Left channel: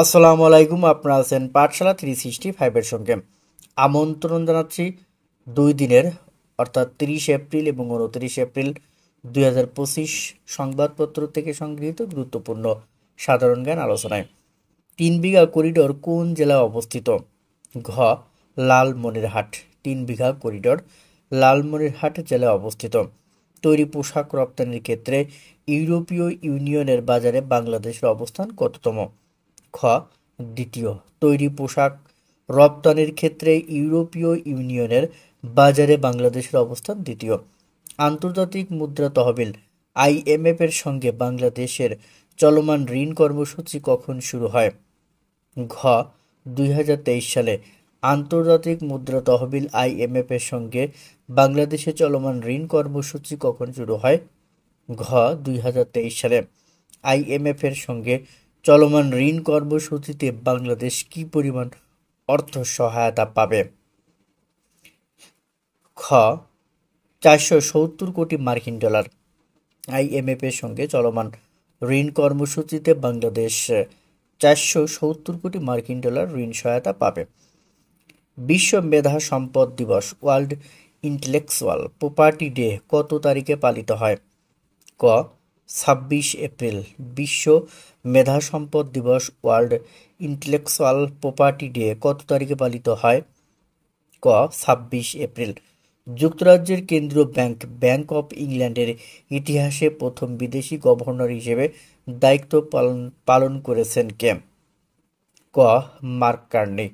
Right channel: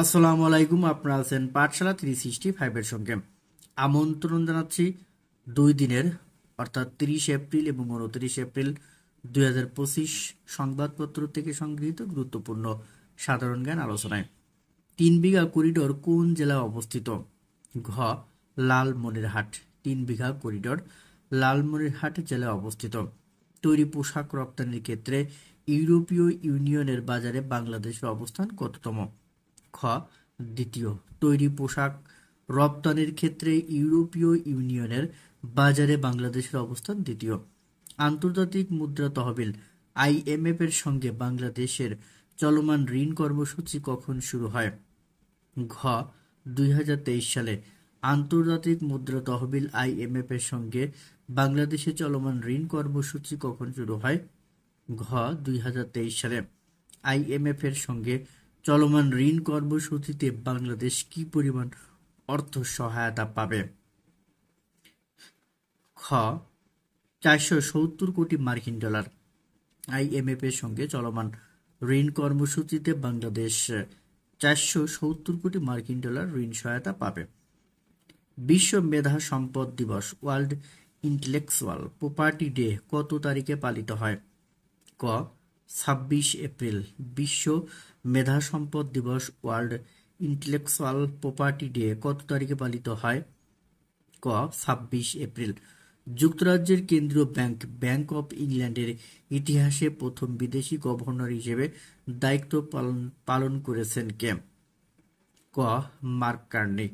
আসসালামু আলাইকুম। আপনারা আছেন পাঠশালা 365 এর সঙ্গে। আমন্ত্রণ জানাচ্ছি 2 দিনের অর্থাৎ 30 এপ্রিল এবং 29 এপ্রিল 2025 সংবাদপত্র থেকে সংগৃহীত গুরুত্বপূর্ণ সাধারণ জ্ঞান আলোচনায়। 3 বিঘা করিডোর কোন জেলায় অবস্থিত? ঘ. লালমনিরহাট। 3 বিঘা করিডোর লালমনিরহাট জেলায় অবস্থিত। তৈরি পোশাক রপ্তানির ক্ষেত্রে ইউরোপীয় ইউনিয়নের বাজারে বাংলাদেশের অবস্থান কততম? খ. দ্বিতীয়। তৈরি পোশাক রপ্তানির ক্ষেত্রে ইউরোপীয় ইউনিয়নের বাজারে বাংলাদেশের অবস্থান দ্বিতীয়। আন্তর্জাতিক মুদ্রা তহবিল IMF এর সঙ্গে বাংলাদেশের চলমান ঋণ কর্মসূচি কখন শুরু হয়? ঘ. 2023 সালে। আন্তর্জাতিক মুদ্রা তহবিল IMF এর সঙ্গে বাংলাদেশের চলমান ঋণ কর্মসূচি কখন শুরু হয়? ঘ. 2023 সালে। IMF এর সঙ্গে চলমান ঋণ কর্মসূচিতে বাংলাদেশ কি পরিমাণ অর্থ সহায়তা পাবে? খ. 470 কোটি মার্কিন ডলার। IMF এর সঙ্গে চলমান ঋণ কর্মসূচিতে বাংলাদেশ 470 কোটি মার্কিন ডলার ঋণ সহায়তা পাবে। বিশ্ব মেধা সম্পদ দিবস ওয়ার্ল্ড ইন্টেলেকচুয়াল প্রপার্টি ডে কত তারিখে পালিত হয়? ক. 26 এপ্রিল। বিশ্ব মেধা সম্পদ দিবস ওয়ার্ল্ড ইন্টেলেকচুয়াল প্রপার্টি ডে কত তারিখে পালিত হয়? ক. 26 এপ্রিল। যুক্তরাজ্যের কেন্দ্রীয় ব্যাংক ব্যাংক অফ ইংল্যান্ডের ইতিহাসে প্রথম বিদেশি গভর্নর হিসেবে দায়িত্ব পালন করেছেন কে? ক. Mark Carney.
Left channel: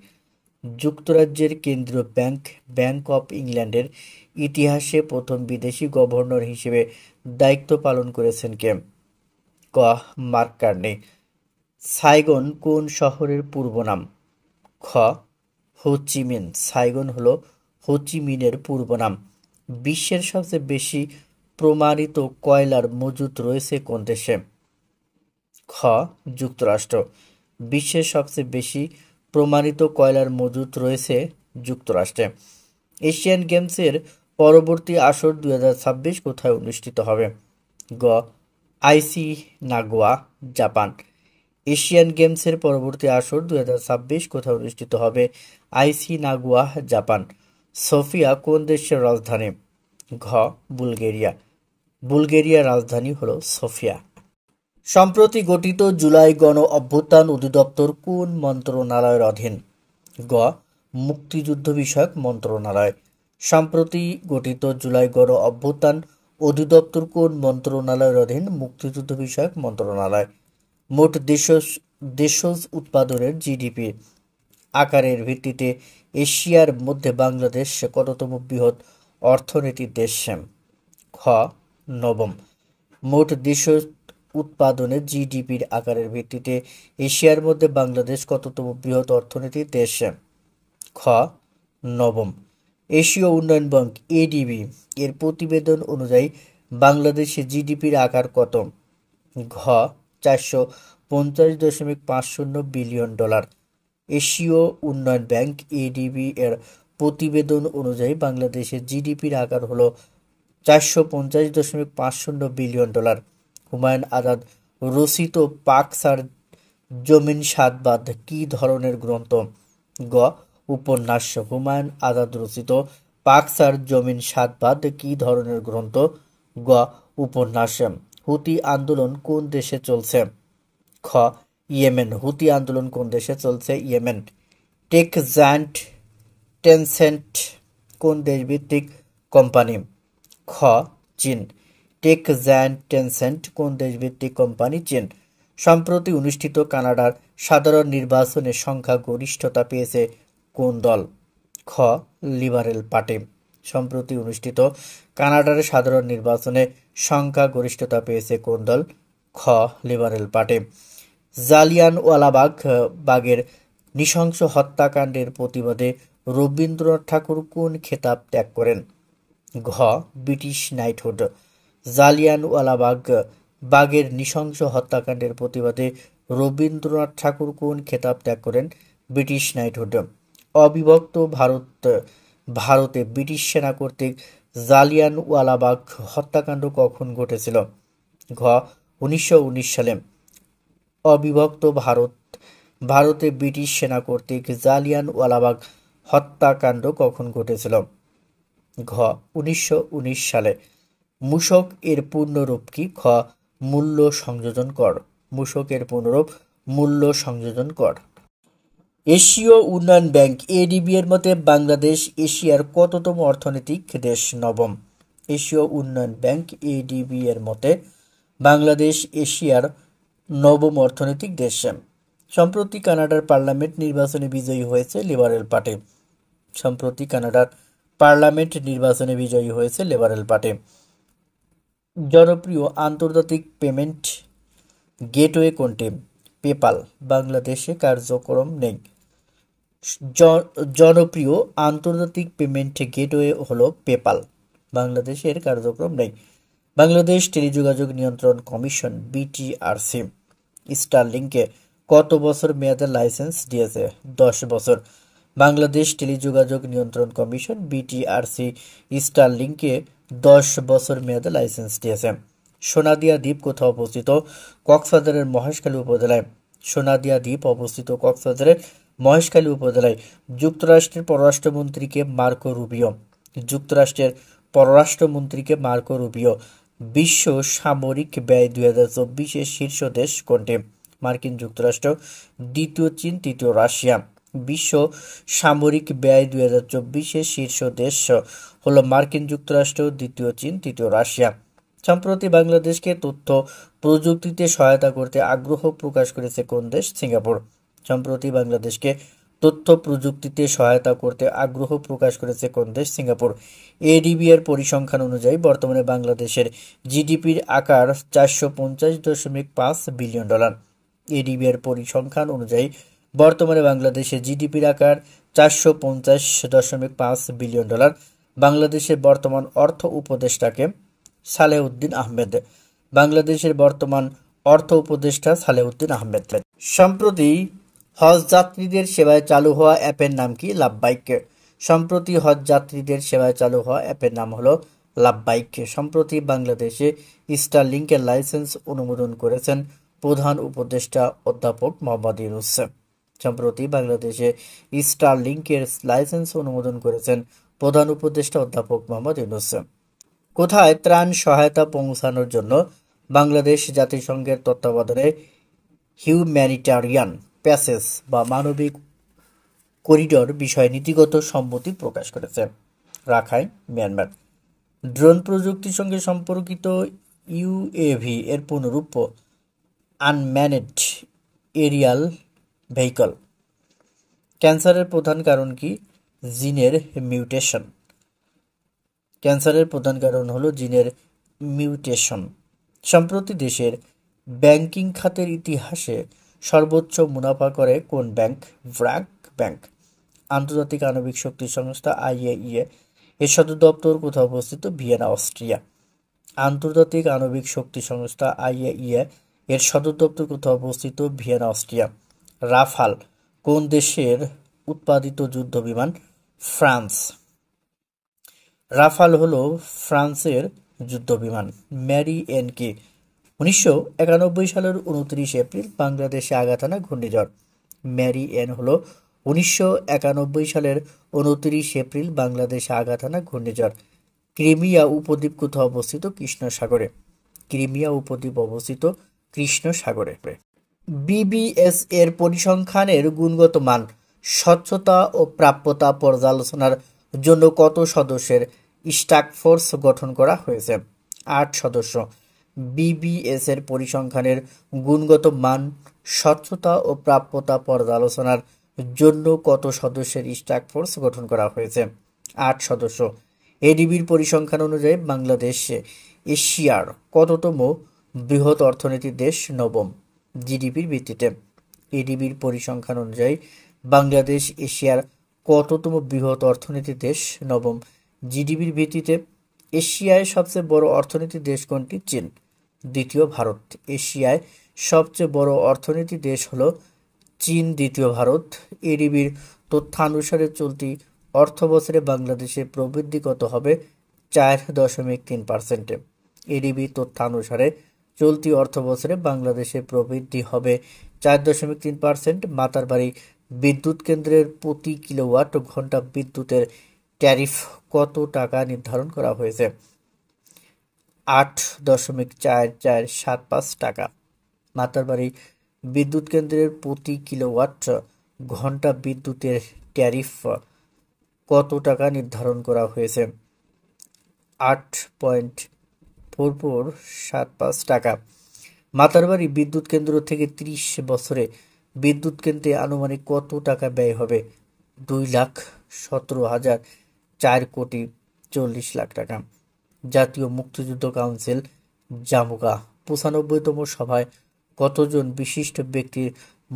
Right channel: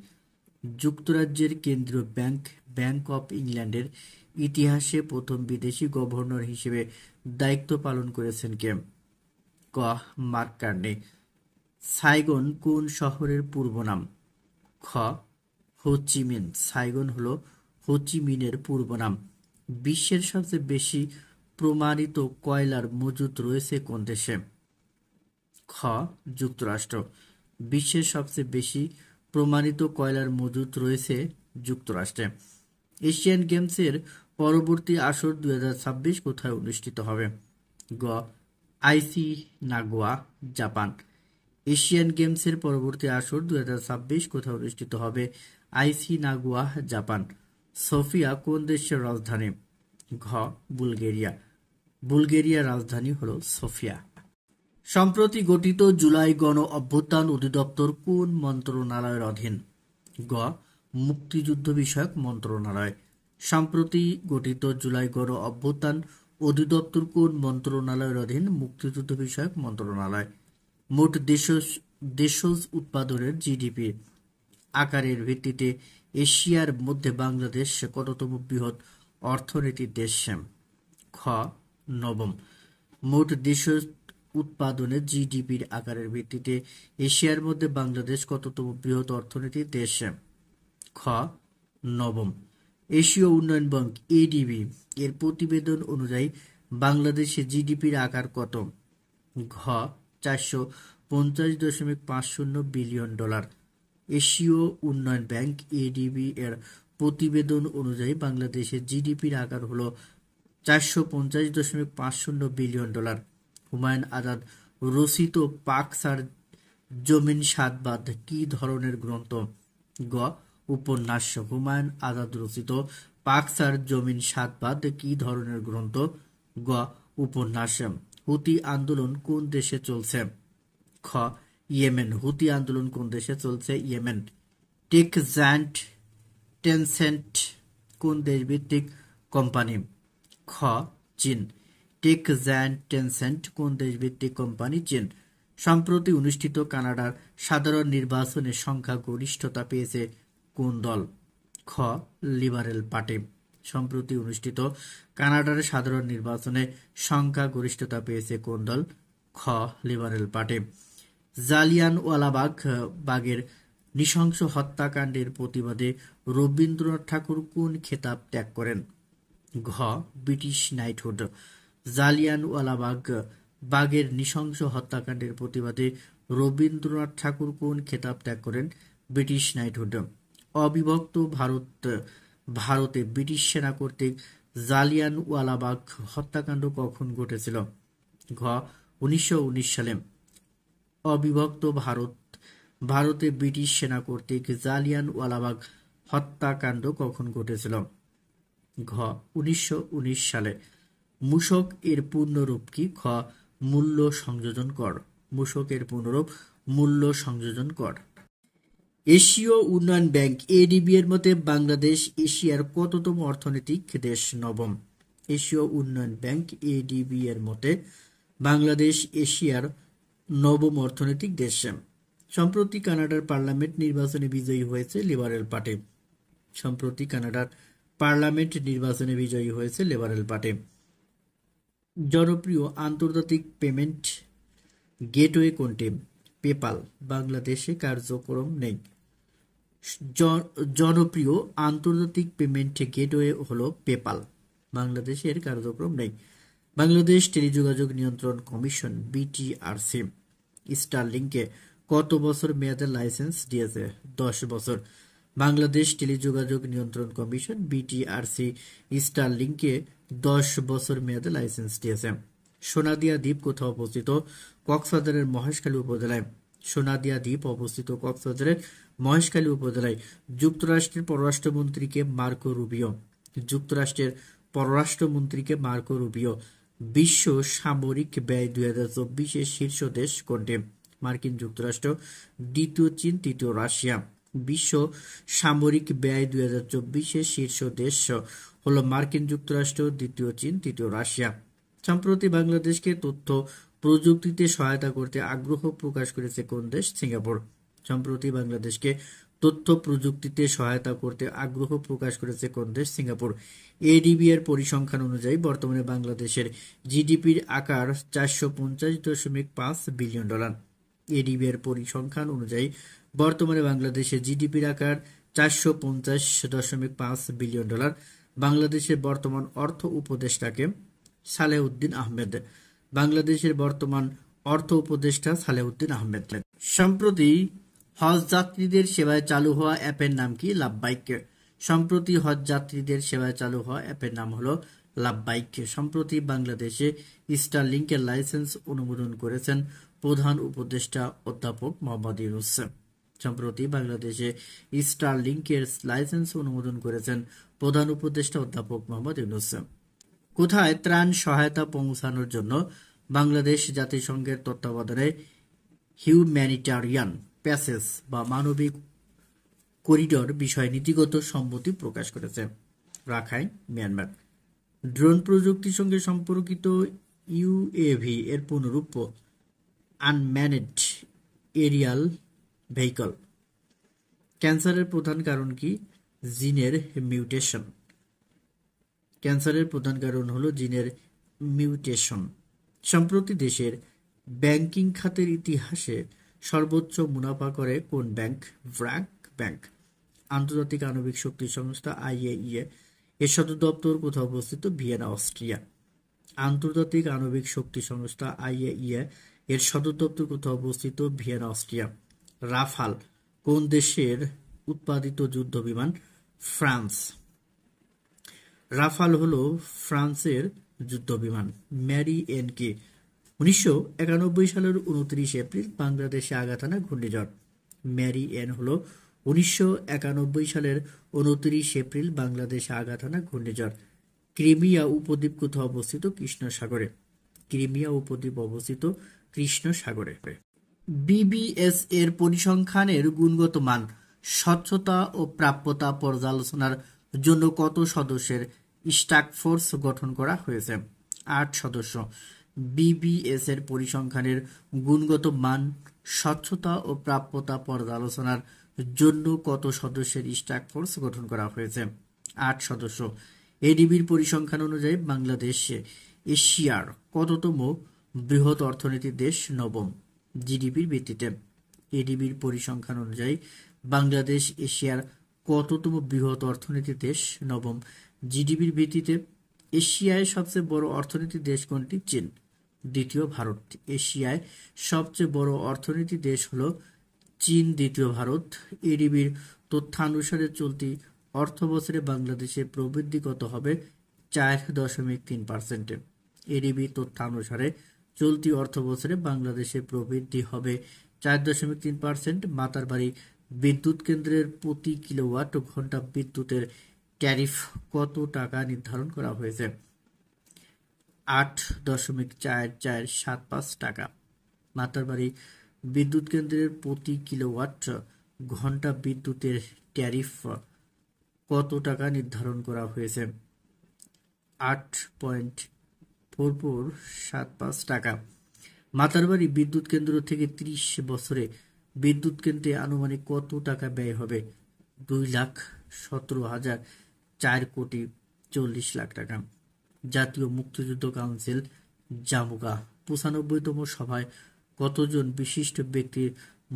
যুক্তরাজ্যের কেন্দ্রীয় ব্যাংক ব্যাংক অফ ইংল্যান্ডের ইতিহাসে প্রথম বিদেশি গভর্নর হিসেবে দায়িত্ব পালন করেছেন কে? ক. Mark Carney. সাইগন কোন শহরের পূর্ব নাম? খ. হো চি মিন। সাইগন হল হো চি মিনের পূর্ব নাম। বিশ্বের সবচেয়ে বেশি প্রমাণিত কয়লার মজুত রয়েছে কোন দেশে? খ. যুক্তরাষ্ট্র। বিশ্বের সবচেয়ে বেশি প্রমাণিত কয়লার মজুত রয়েছে যুক্তরাষ্ট্রে। এশিয়ান গেমসের পরবর্তী আসর 2026 কোথায় অনুষ্ঠিত হবে? গ. আইসি নাগোয়া, জাপান। এশিয়ান গেমসের পরবর্তী আসর 2026 কোথায় অনুষ্ঠিত হবে? আইসি নাগোয়া, জাপান। সোফিয়া কোন দেশের রাজধানী? ঘ. বুলগেরিয়া। বুলগেরিয়ার রাজধানী হল সোফিয়া। সম্প্রতি গঠিত জুলাই গণ অভ্যুত্থান অধিদপ্তর কোন মন্ত্রণালয়ের অধীন? গ. মুক্তিযুদ্ধ বিষয়ক মন্ত্রণালয়। সম্প্রতি গঠিত জুলাই গণ অভ্যুত্থান অধিদপ্তর কোন মন্ত্রণালয়ের অধীন? মুক্তিযুদ্ধ বিষয়ক মন্ত্রণালয়। মোট দেশজ উৎপাদনের GDP আকারের ভিত্তিতে এশিয়ার মধ্যে বাংলাদেশ কততম বৃহৎ অর্থনীতির দেশ? খ. নবম। মোট দেশজ উৎপাদনের GDPর আকারের ভিত্তিতে এশিয়ার মধ্যে বাংলাদেশ কততম বৃহৎ অর্থনীতির দেশ? খ. নবম। এশীয় উন্নয়ন ব্যাংক ADB এর প্রতিবেদন অনুযায়ী বাংলাদেশের GDPর আকার কত? ঘ. 450.50 বিলিয়ন ডলার। এশীয় উন্নয়ন ব্যাংক ADB এর প্রতিবেদন অনুযায়ী বাংলাদেশের GDPর আকার হল 450.50 বিলিয়ন ডলার। হুমায়ুন আজাদ রচিত পাকসার জমিন সাত বাঁধ কি ধরনের গ্রন্থ? গ. উপন্যাস। হুমায়ুন আজাদ রচিত পাকসার জমিন সাত বাঁধ কি ধরনের গ্রন্থ? গ. উপন্যাস। হুতি আন্দোলন কোন দেশে চলছে? খ. ইয়েমেন। হুতি আন্দোলন কোন দেশে চলছে? ইয়েমেন। টেক জায়ান্ট টেনসেন্ট কোন দেশভিত্তিক কোম্পানি? খ. চীন। টেক জায়ান্ট টেনসেন্ট কোন দেশভিত্তিক কোম্পানি? চীন। সম্প্রতি অনুষ্ঠিত কানাডার সাধারণ নির্বাচনে সংখ্যাগরিষ্ঠতা পেয়েছে কোন দল? খ. Liberal party. সম্প্রতি অনুষ্ঠিত কানাডার সাধারণ নির্বাচনে সংখ্যাগরিষ্ঠতা পেয়েছে কোন দল? খ. Liberal party. জালিয়ানওয়ালাবাগের নৃশংস হত্যাকাণ্ডের প্রতিবাদে রবীন্দ্রনাথ ঠাকুর কোন খেতাব ত্যাগ করেন? ঘ. British knighthood. জালিয়ানওয়ালাবাগের নৃশংস হত্যাকাণ্ডের প্রতিবাদে রবীন্দ্রনাথ ঠাকুর কোন খেতাব ত্যাগ করেন? British knighthood. অবিভক্ত ভারতে ব্রিটিশ সেনা কর্তৃক জালিয়ানওয়ালাবাগ হত্যাকাণ্ড কখন ঘটেছিল? ঘ. 1919 সালে। অবিভক্ত ভারতে ব্রিটিশ সেনা কর্তৃক জালিয়ানওয়ালাবাগ হত্যাকাণ্ড কখন ঘটেছিল? ঘ 1919 সালে। মূসক এর পূর্ণরূপ কি? খ মূল্য সংযোজন কর। মূসক এর পূর্ণরূপ মূল্য সংযোজন কর। এশীয় উন্নয়ন ব্যাংক এডিবি এর মতে বাংলাদেশ এশিয়ার কততম অর্থনৈতিক দেশ? নবম। এশীয় উন্নয়ন ব্যাংক এডিবি এর মতে বাংলাদেশ এশিয়ার নবম অর্থনৈতিক দেশ। সম্প্রতি কানাডার পার্লামেন্ট নির্বাচনে বিজয়ী হয়েছে লিবারেল পার্টি। সম্প্রতি কানাডার পার্লামেন্ট নির্বাচনে বিজয়ী হয়েছে লিবারেল পার্টি। জনপ্রিয় আন্তর্জাতিক পেমেন্ট গেটওয়ে কোনটি? পেপাল। বাংলাদেশে কার্যক্রম নেই। জনপ্রিয় আন্তর্জাতিক পেমেন্ট গেটওয়ে হলো পেপাল। বাংলাদেশের কার্যক্রম নেই। বাংলাদেশ টেলিযোগাযোগ নিয়ন্ত্রণ কমিশন বিটিআরসি স্টারলিংকে কত বছর মেয়াদে লাইসেন্স দিয়েছে? 10 বছর। বাংলাদেশ টেলিযোগাযোগ নিয়ন্ত্রণ কমিশন বিটিআরসি স্টারলিংকে 10 বছর মেয়াদে লাইসেন্স দিয়েছে। সোনাদিয়া দ্বীপ কোথাও অবস্থিত? কক্সবাজারের মহেশখালী উপজেলায়। সোনাদিয়া দ্বীপ অবস্থিত কক্সবাজারের মহেশখালী উপজেলায়। যুক্তরাষ্ট্রের পররাষ্ট্রমন্ত্রীকে মার্কো রুবিও। যুক্তরাষ্ট্রের পররাষ্ট্রমন্ত্রীকে মার্কো রুবিও। বিশ্ব সামরিক ব্যয় 2024-এর শীর্ষ দেশ কোনটি? মার্কিন যুক্তরাষ্ট্র, দ্বিতীয় চীন, তৃতীয় রাশিয়া। বিশ্ব সামরিক ব্যয় 2024-এর শীর্ষ দেশ হলো মার্কিন যুক্তরাষ্ট্র, দ্বিতীয় চীন, তৃতীয় রাশিয়া। সম্প্রতি বাংলাদেশকে তথ্য প্রযুক্তিতে সহায়তা করতে আগ্রহ প্রকাশ করেছে কোন দেশ? সিঙ্গাপুর। সম্প্রতি বাংলাদেশকে তথ্য প্রযুক্তিতে সহায়তা করতে আগ্রহ প্রকাশ করেছে কোন দেশ? সিঙ্গাপুর। এডিবি এর পরিসংখ্যান অনুযায়ী বর্তমানে বাংলাদেশের জিডিপির আকার 450.5 বিলিয়ন ডলার। এডিবি এর পরিসংখ্যান অনুযায়ী বর্তমানে বাংলাদেশের জিডিপির আকার 450.5 বিলিয়ন ডলার। বাংলাদেশের বর্তমান অর্থ উপদেষ্টাকে সালেউদ্দিন আহমেদ। বাংলাদেশের বর্তমান অর্থ উপদেষ্টা সালেউদ্দিন আহমেদ। সম্প্রতি হজ যাত্রীদের সেবায় চালু হওয়া অ্যাপের নাম কি? লাভবাইক। সম্প্রতি হজ যাত্রীদের সেবায় চালু হওয়া অ্যাপের নাম হলো লাভবাইক। সম্প্রতি বাংলাদেশে স্টারলিংকের লাইসেন্স অনুমোদন করেছেন প্রধান উপদেষ্টা অধ্যাপক মোহাম্মদ ইউনূস। সম্প্রতি বাংলাদেশে স্টারলিংকের লাইসেন্স অনুমোদন করেছেন প্রধান উপদেষ্টা অধ্যাপক মোহাম্মদ ইউনূস। কোথায় ত্রাণ সহায়তা পৌঁছানোর জন্য বাংলাদেশ জাতিসংঘের তত্ত্বাবধানে হিউম্যানিটারিয়ান প্যাসেজ বা মানবিক করিডোর বিষয়ে নীতিগত সম্মতি প্রকাশ করেছে? Rakhine, Myanmar. ড্রোন প্রযুক্তির সঙ্গে সম্পর্কিত ইউএভি এর পূর্ণরূপ আনম্যানেড এরিয়াল ভেহিকল। ক্যান্সারের প্রধান কারণ কি? জিনের মিউটেশন। ক্যান্সারের প্রধান কারণ হলো জিনের মিউটেশন। সম্প্রতি দেশের ব্যাংকিং খাতের ইতিহাসে সর্বোচ্চ মুনাফা করে কোন ব্যাংক? ব্র্যাক ব্যাংক। আন্তর্জাতিক আণবিক শক্তি সংস্থা আইএইএ এর সদর দপ্তর কোথাও অবস্থিত? Vienna, Austria. আন্তর্জাতিক আণবিক শক্তি সংস্থা আইএইএ এর সদর দপ্তর কোথাও অবস্থিত? Vienna, Austria. রাফাল কোন দেশের উৎপাদিত যুদ্ধ বিমান? ফ্রান্স। রাফাল হলো ফ্রান্সের যুদ্ধ বিমান। ম্যারি এন কি? 1991 সালের 29 এপ্রিল বাংলাদেশে আঘাত হানা ঘূর্ণিঝড়। ম্যারি এন হলো 1991 সালের 29 এপ্রিল বাংলাদেশে আঘাত হানা ঘূর্ণিঝড়। ক্রিমিয়া উপদ্বীপ কোথাও অবস্থিত? কৃষ্ণ সাগরে। ক্রিমিয়া উপদ্বীপ অবস্থিত কৃষ্ণ সাগরে। বিবিএস এর পরিসংখ্যানের গুণগত মান, স্বচ্ছতা ও প্রাপ্যতা পর্যালোচনার জন্য কত সদস্যের টাস্কফোর্স গঠন করা হয়েছে? 8 সদস্য। বিবিএস এর পরিসংখ্যানের গুণগত মান, স্বচ্ছতা ও প্রাপ্যতা পর্যালোচনার জন্য কত সদস্যের টাস্কফোর্স গঠন করা হয়েছে? 8 সদস্য। এডিবির পরিসংখ্যান অনুযায়ী বাংলাদেশ এশিয়ার কততম বৃহৎ অর্থনীতির দেশ? নবম। জিডিপির ভিত্তিতে। এডিবির পরিসংখ্যান অনুযায়ী বাংলাদেশ এশিয়ার কততম বৃহৎ অর্থনীতির দেশ? নবম। জিডিপির ভিত্তিতে। এশিয়ায় সবচেয়ে বড় অর্থনীতির দেশ কোনটি? চীন। দ্বিতীয় ভারত। এশিয়ায় সবচেয়ে বড় অর্থনীতির দেশ হলো চীন, দ্বিতীয় ভারত। এডিবির তথ্যানুসারে চলতি অর্থবছরে বাংলাদেশের প্রবৃদ্ধি কত হবে? 4.3%। এডিবির তথ্যানুসারে চলতি অর্থবছরে বাংলাদেশের প্রবৃদ্ধি হবে 4.3%। মাতারবাড়ি বিদ্যুৎ কেন্দ্রের প্রতি কিলোওয়াট ঘন্টা বিদ্যুতের ট্যারিফ কত টাকা নির্ধারণ করা হয়েছে? 8.4475 টাকা। মাতারবাড়ি বিদ্যুৎ কেন্দ্রের প্রতি কিলোওয়াট ঘন্টা বিদ্যুতের ট্যারিফ কত টাকা নির্ধারণ করা হয়েছে? 8.4475 টাকা। মাতারবাড়ি বিদ্যুৎ কেন্দ্র থেকে 30 বছরে বিদ্যুৎ কেন্দ্রে আনুমানিক কত টাকা ব্যয় হবে? 2,17,440 টাকা। জাতীয় মুক্তিযুদ্ধ কাউন্সিল জামুকা 95তম সভায় কতজন বিশিষ্ট ব্যক্তির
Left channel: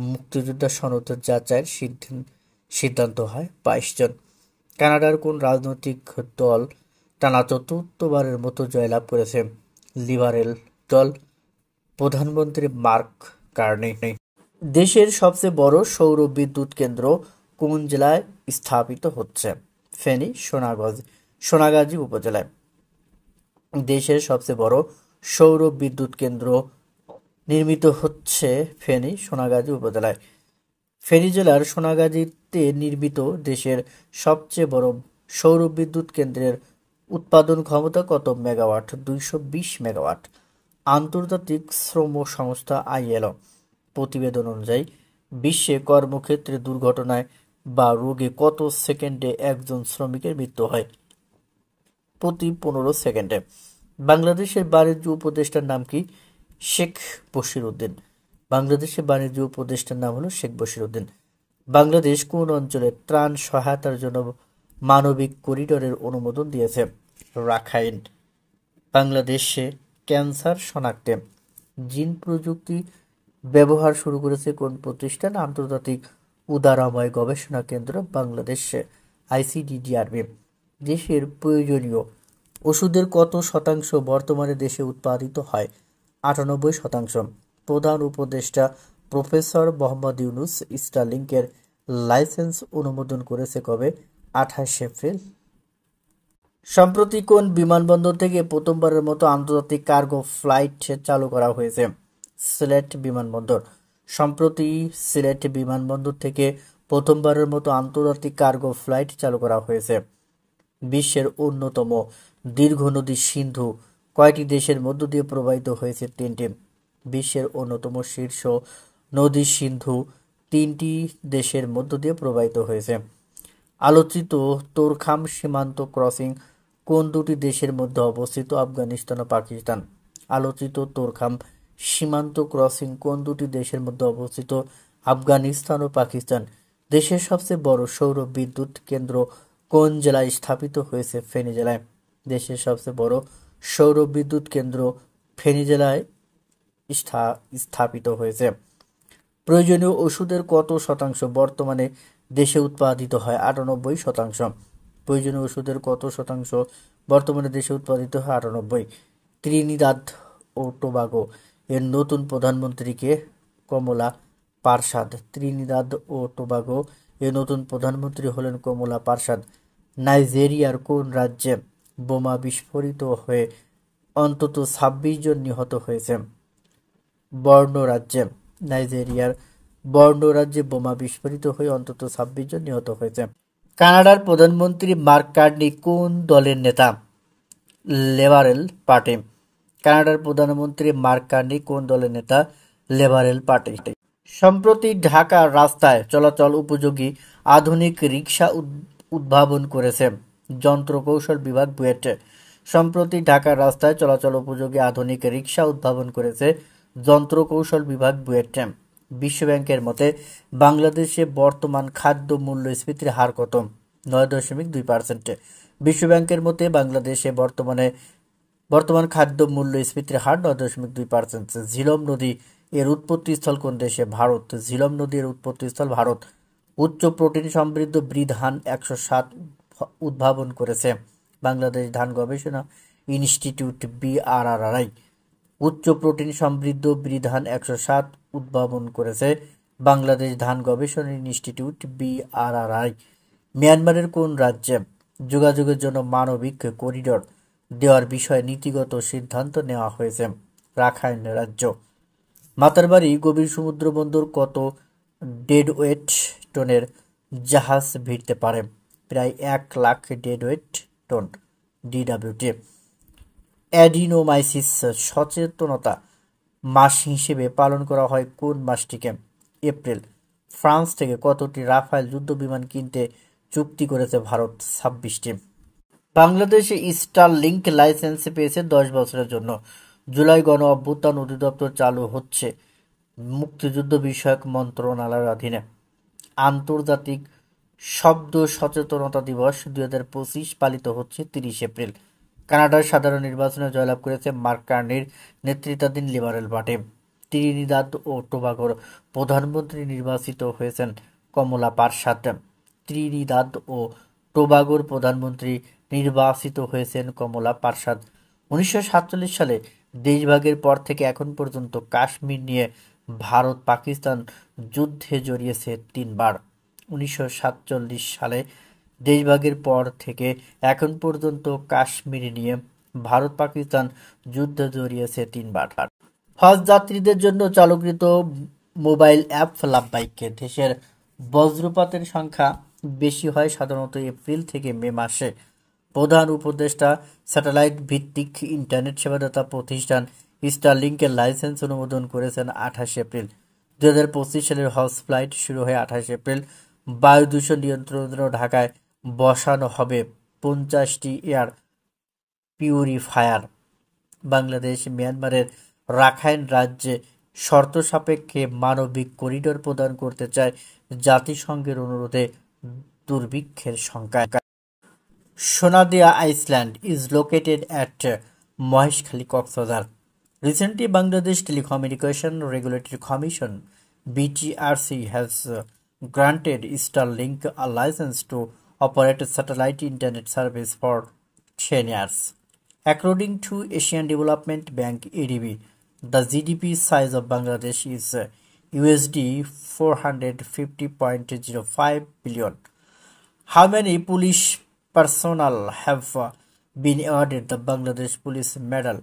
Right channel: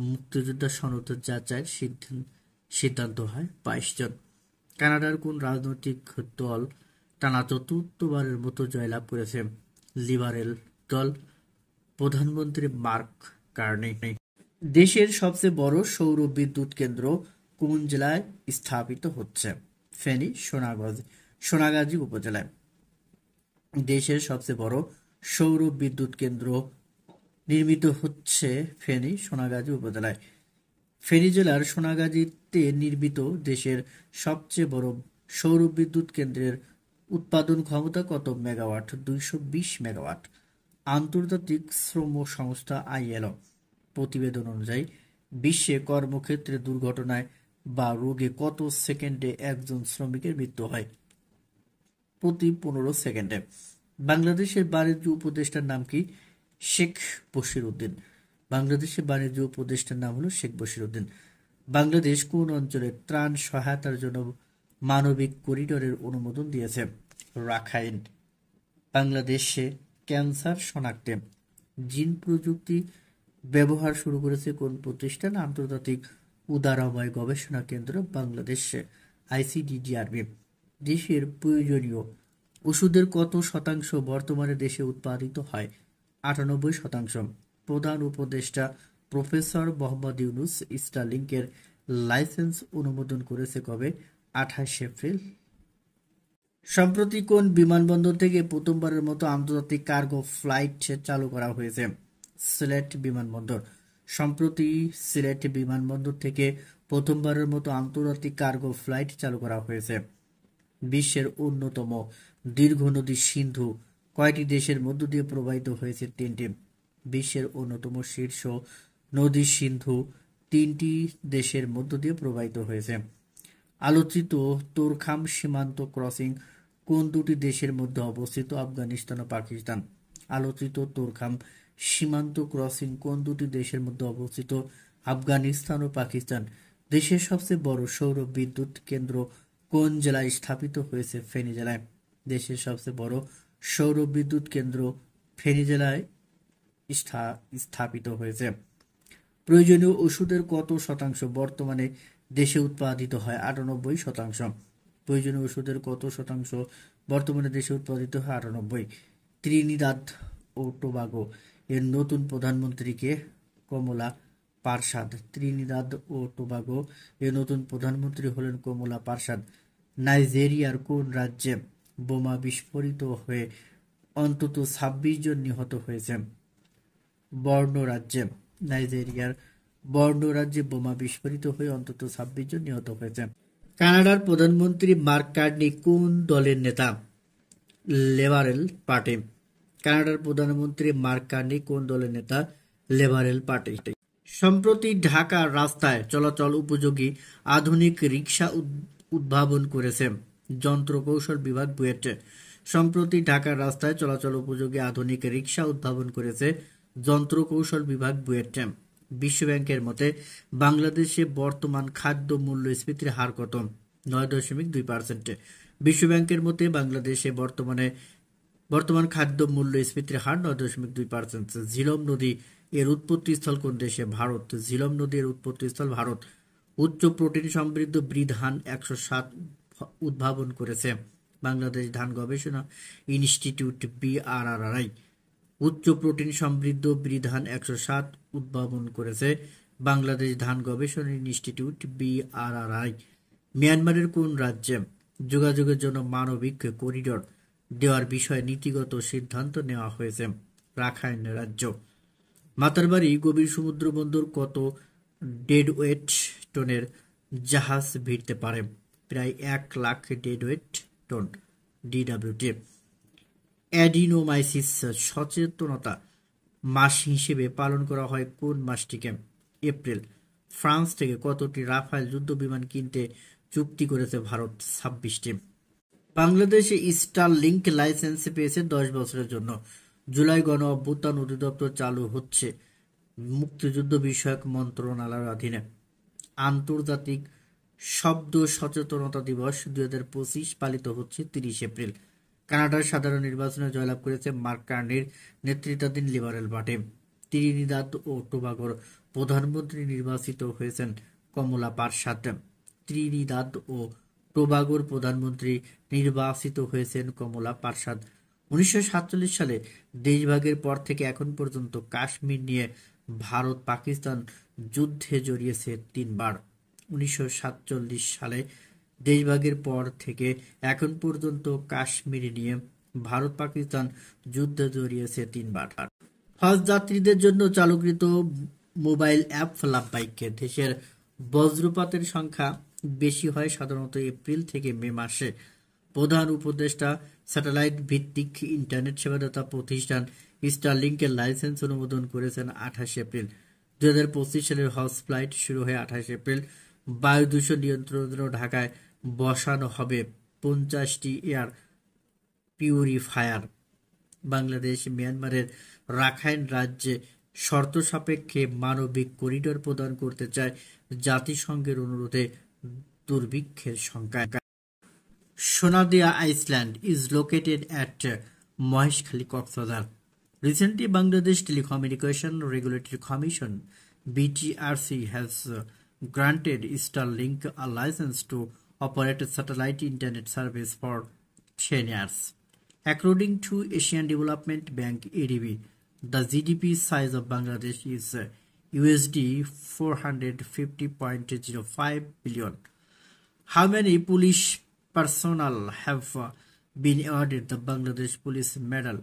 মুক্তিযোদ্ধা সনদ যাচাইয়ের সিদ্ধান্ত হয়? 22 জন। কানাডার কোন রাজনৈতিক দল টানা চতুর্থবারের মতো জয়লাভ করেছে? লিবারেল দল। প্রধানমন্ত্রী মার্ক কার্নি। দেশের সবচেয়ে বড় সৌর বিদ্যুৎ কেন্দ্র কোন জেলায় স্থাপিত হচ্ছে? ফেনী, সোনাগাজী উপজেলায়। দেশের সবচেয়ে বড় সৌর বিদ্যুৎ কেন্দ্র নির্মিত হচ্ছে ফেনী, সোনাগাজী উপজেলায়। ফেনী জেলার সোনাগাজীতে নির্মিত দেশের সবচেয়ে বড় সৌর বিদ্যুৎ কেন্দ্রের উৎপাদন ক্ষমতা কত মেগাওয়াট? 220 মেগাওয়াট। আন্তর্জাতিক শ্রম সংস্থা ILO প্রতিবেদন অনুযায়ী বিশ্বে কর্মক্ষেত্রে দুর্ঘটনায় বা রোগে কত সেকেন্ডে একজন শ্রমিকের মৃত্যু হয়? প্রতি 15 সেকেন্ডে। বাংলাদেশের বাণিজ্য উপদেষ্টার নাম কি? শেখ বশির উদ্দিন। বাংলাদেশের বাণিজ্য উপদেষ্টার নাম হলো শেখ বশির উদ্দিন। বাংলাদেশ কোন অঞ্চলে ত্রাণ সহায়তার জন্য মানবিক করিডোরের অনুমোদন দিয়েছে? রাখাইন। বাংলাদেশে ক্যান্সার শনাক্তে জিন প্রযুক্তি ব্যবহার শুরু করেছে কোন প্রতিষ্ঠান? আন্তর্জাতিক উদারময় গবেষণা কেন্দ্র বাংলাদেশ, ICDDRB। দেশের প্রয়োজনীয় ওষুধের কত শতাংশ বর্তমানে দেশে উৎপাদিত হয়? 98%। প্রধান উপদেষ্টা প্রফেসর মোহাম্মদ ইউনূস স্টারলিংকের লাইসেন্স অনুমোদন করেছে কবে? 28 এপ্রিল। সম্প্রতি কোন বিমানবন্দর থেকে প্রথমবারের মতো আন্তর্জাতিক কার্গো ফ্লাইট চালু করা হয়েছে? সিলেট বিমানবন্দর। সম্প্রতি সিলেট বিমানবন্দর থেকে প্রথমবারের মতো আন্তর্জাতিক কার্গো ফ্লাইট চালু করা হয়েছে। বিশ্বের অন্যতম দীর্ঘ নদী সিন্ধু কয়টি দেশের মধ্য দিয়ে প্রবাহিত হয়েছে? 3টি। বিশ্বের অন্যতম শীর্ষ নদী সিন্ধু 3টি দেশের মধ্য দিয়ে প্রবাহিত হয়েছে। আলোচিত তোরখাম সীমান্ত ক্রসিং কোন দুটি দেশের মধ্যে অবস্থিত? আফগানিস্তান ও পাকিস্তান। আলোচিত তোরখাম সীমান্ত ক্রসিং কোন দুটি দেশের মধ্যে অবস্থিত? আফগানিস্তান ও পাকিস্তান। দেশের সবচেয়ে বড় সৌর বিদ্যুৎ কেন্দ্র কোন জেলায় স্থাপিত হয়েছে? ফেনী জেলায়। দেশের সবচেয়ে বড় সৌর বিদ্যুৎ কেন্দ্র ফেনী জেলায় স্থাপিত হয়েছে। প্রয়োজনীয় ওষুধের কত শতাংশ বর্তমানে দেশে উৎপাদিত হয়? 98%। প্রয়োজনীয় ওষুধের কত শতাংশ বর্তমানে দেশে উৎপাদিত হয়? 98। ত্রিনিদাদ ও টোবাগো এর নতুন প্রধানমন্ত্রীকে? কমলা পারসাদ। ত্রিনিদাদ ও টোবাগো এর নতুন প্রধানমন্ত্রী হলেন কমলা পারসাদ। নাইজেরিয়ার কোন রাজ্যে বোমা বিস্ফোরিত হয়ে অন্তত 26 জন নিহত হয়েছে? বর্নো রাজ্যে। নাইজেরিয়ার বর্নো রাজ্যে বোমা বিস্ফোরিত হয়ে অন্তত 26 জন নিহত হয়েছে। কানাডার প্রধানমন্ত্রী মার্ক কার্নি কোন দলের নেতা? Liberal party. কানাডার প্রধানমন্ত্রী মার্ক কার্নি কোন দলের নেতা? Liberal party. সম্প্রতি ঢাকার রাস্তায় চলাচল উপযোগী আধুনিক রিকশা উদ্ভাবন করেছে যন্ত্রকৌশল বিভাগ বুয়েট। সম্প্রতি ঢাকার রাস্তায় চলাচল উপযোগী আধুনিক রিকশা উদ্ভাবন করেছে যন্ত্রকৌশল বিভাগ বুয়েট। বিশ্বব্যাংকের মতে বাংলাদেশে বর্তমান খাদ্য মূল্যস্ফীতির হার কত? 9.2%। বিশ্বব্যাংকের মতে বাংলাদেশে বর্তমান খাদ্য মূল্যস্ফীতির হার 9.2%। ঝিলম নদী এর উৎপত্তিস্থল কোন দেশে? ভারত। ঝিলম নদী এর উৎপত্তিস্থল ভারত। উচ্চ প্রোটিন সমৃদ্ধ ব্রি ধান 107 উদ্ভাবন করেছে বাংলাদেশ ধান গবেষণা ইনস্টিটিউট BRRI। উচ্চ প্রোটিন সমৃদ্ধ ব্রি ধান 107 উদ্ভাবন করেছে বাংলাদেশ ধান গবেষণা ইনস্টিটিউট BRRI। মিয়ানমারের কোন রাজ্যে যোগাযোগের জন্য মানবিক করিডোর দেওয়ার বিষয়ে নীতিগত সিদ্ধান্ত নেওয়া হয়েছে? রাখাইন রাজ্য। মাতারবাড়ি গভীর সমুদ্র বন্দর কত ডেডওয়েট টনের জাহাজ ভিড়তে পারে? প্রায় 1 লাখ ডেডওয়েট টন DWT। অ্যাডিনোমাইসিস সচেতনতা মাস হিসেবে পালন করা হয় কোন মাসটিকে? এপ্রিল। ফ্রান্স থেকে কতটি রাফায়েল যুদ্ধবিমান কিনতে চুক্তি করেছে ভারত? 26টি। বাংলাদেশে স্টারলিংক লাইসেন্স পেয়েছে 10 বছরের জন্য। জুলাই গণ অভ্যুত্থান অধিদপ্তর চালু হচ্ছে মুক্তিযুদ্ধ বিষয়ক মন্ত্রণালয়ের অধীনে। আন্তর্জাতিক শব্দ সচেতনতা দিবস 2025 পালিত হচ্ছে 30 এপ্রিল। কানাডার সাধারণ নির্বাচনে জয়লাভ করেছে মার্ক কার্নির নেতৃত্বাধীন লিবারেল পার্টি। ত্রিনিদাদ ও টোবাগোর প্রধানমন্ত্রী নির্বাচিত হয়েছেন কমলা পারসাদ। ত্রিনিদাদ ও টোবাগোর প্রধানমন্ত্রী নির্বাচিত হয়েছেন কমলা পারসাদ। 1947 সালে দেশভাগের পর থেকে এখন পর্যন্ত কাশ্মীর নিয়ে ভারত পাকিস্তান যুদ্ধে জড়িয়েছে 3 বার। 1947 সালে দেশভাগের পর থেকে এখন পর্যন্ত কাশ্মীর নিয়ে ভারত পাকিস্তান যুদ্ধে জড়িয়েছে 3 বার। হজ যাত্রীদের জন্য চালুকৃত মোবাইল অ্যাপ লাভবাইকে। দেশের বজ্রপাতের সংখ্যা বেশি হয় সাধারণত এপ্রিল থেকে মে মাসে। প্রধান উপদেষ্টা স্যাটেলাইট ভিত্তিক ইন্টারনেট সেবাদাতা প্রতিষ্ঠান স্টারলিংকের লাইসেন্স অনুমোদন করেছেন 28 এপ্রিল। 2025 সালের হজ ফ্লাইট শুরু হয়ে 28 এপ্রিল। বায়ু দূষণ নিয়ন্ত্রণের জন্য ঢাকায় বসানো হবে 50টি এয়ার পিউরিফায়ার। বাংলাদেশ মিয়ানমারের রাখাইন রাজ্যে শর্ত সাপেক্ষে মানবিক করিডোর প্রদান করতে চায় জাতিসংঘের অনুরোধে দুর্ভিক্ষের সংখ্যা। Sonadia island is located at Maheshkhali, Coxbazar. Recently, Bangladesh Telecommunication Regulatory Commission (BTRC) has granted Starlink a license to operate a satellite internet service for 10 years. According to Asian Development Bank (ADB), the GDP size of Bangladesh is USD 450.05 billion. How many police personnel have been awarded the Bangladesh Police Medal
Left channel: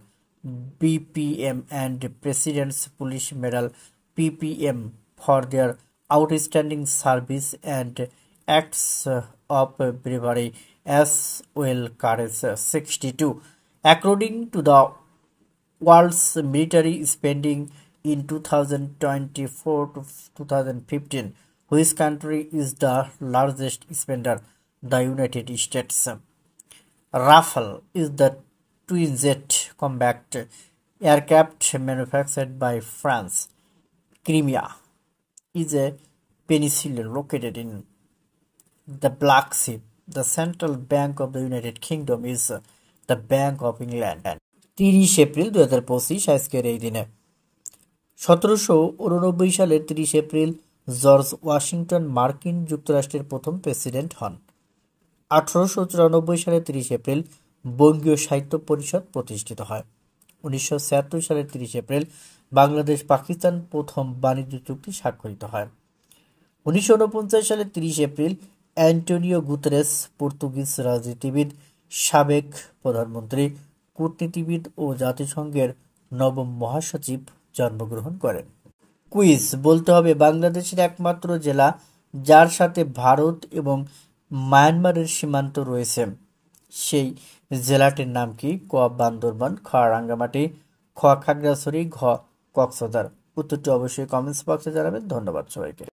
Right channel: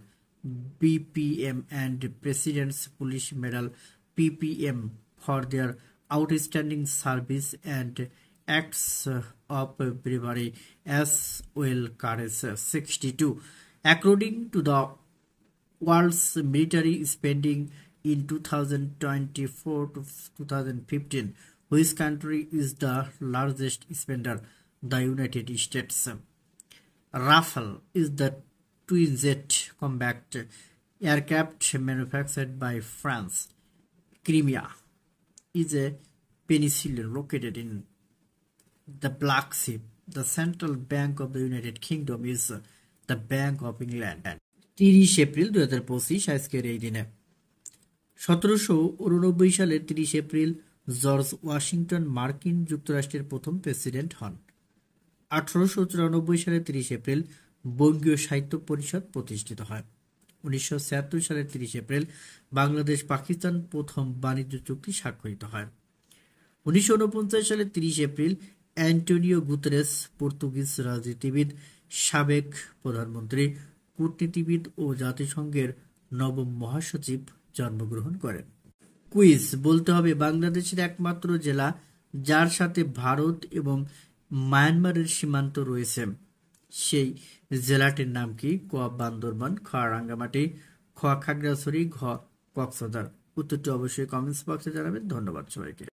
(BPM) and President's Police Medal (PPM) for their outstanding service and acts of bravery as well courage? 62. According to the world's military spending in 2024 to 2015, which country is the largest spender? The United States. Rafale is the twin-jet combat aircraft manufactured by France. Crimea is a peninsula located in the Black Sea. The central bank of the United Kingdom is the Bank of England. 30 April 2025 আজকের এই দিনে। 1789 সালের 30 April George Washington মার্কিন যুক্তরাষ্ট্রের প্রথম president হন। 1894 সালের 30 April বঙ্গীয় সাহিত্য পরিষদ প্রতিষ্ঠিত হয়। 1976 সালের 30 এপ্রিল বাংলাদেশ পাকিস্তান প্রথম বাণিজ্য চুক্তি স্বাক্ষরিত হয়। 1949 সালের 30 এপ্রিল অ্যান্টোনিও গুতেরেস পর্তুগিজ রাজনীতিবিদ, সাবেক প্রধানমন্ত্রী, কূটনীতিবিদ ও জাতিসংঘের নবম মহাসচিব জন্মগ্রহণ করেন। কুইজ বলতে হবে বাংলাদেশের একমাত্র জেলা যার সাথে ভারত এবং মায়ানমারের সীমান্ত রয়েছে সেই জেলাটির নাম কি? ক বান্দরবান, খ রাঙ্গামাটি, খ খাগড়াছড়ি, ঘ কক্সবাজার। উত্তরটি অবশ্যই কমেন্টস বক্সে জানাবেন। ধন্যবাদ সবাইকে।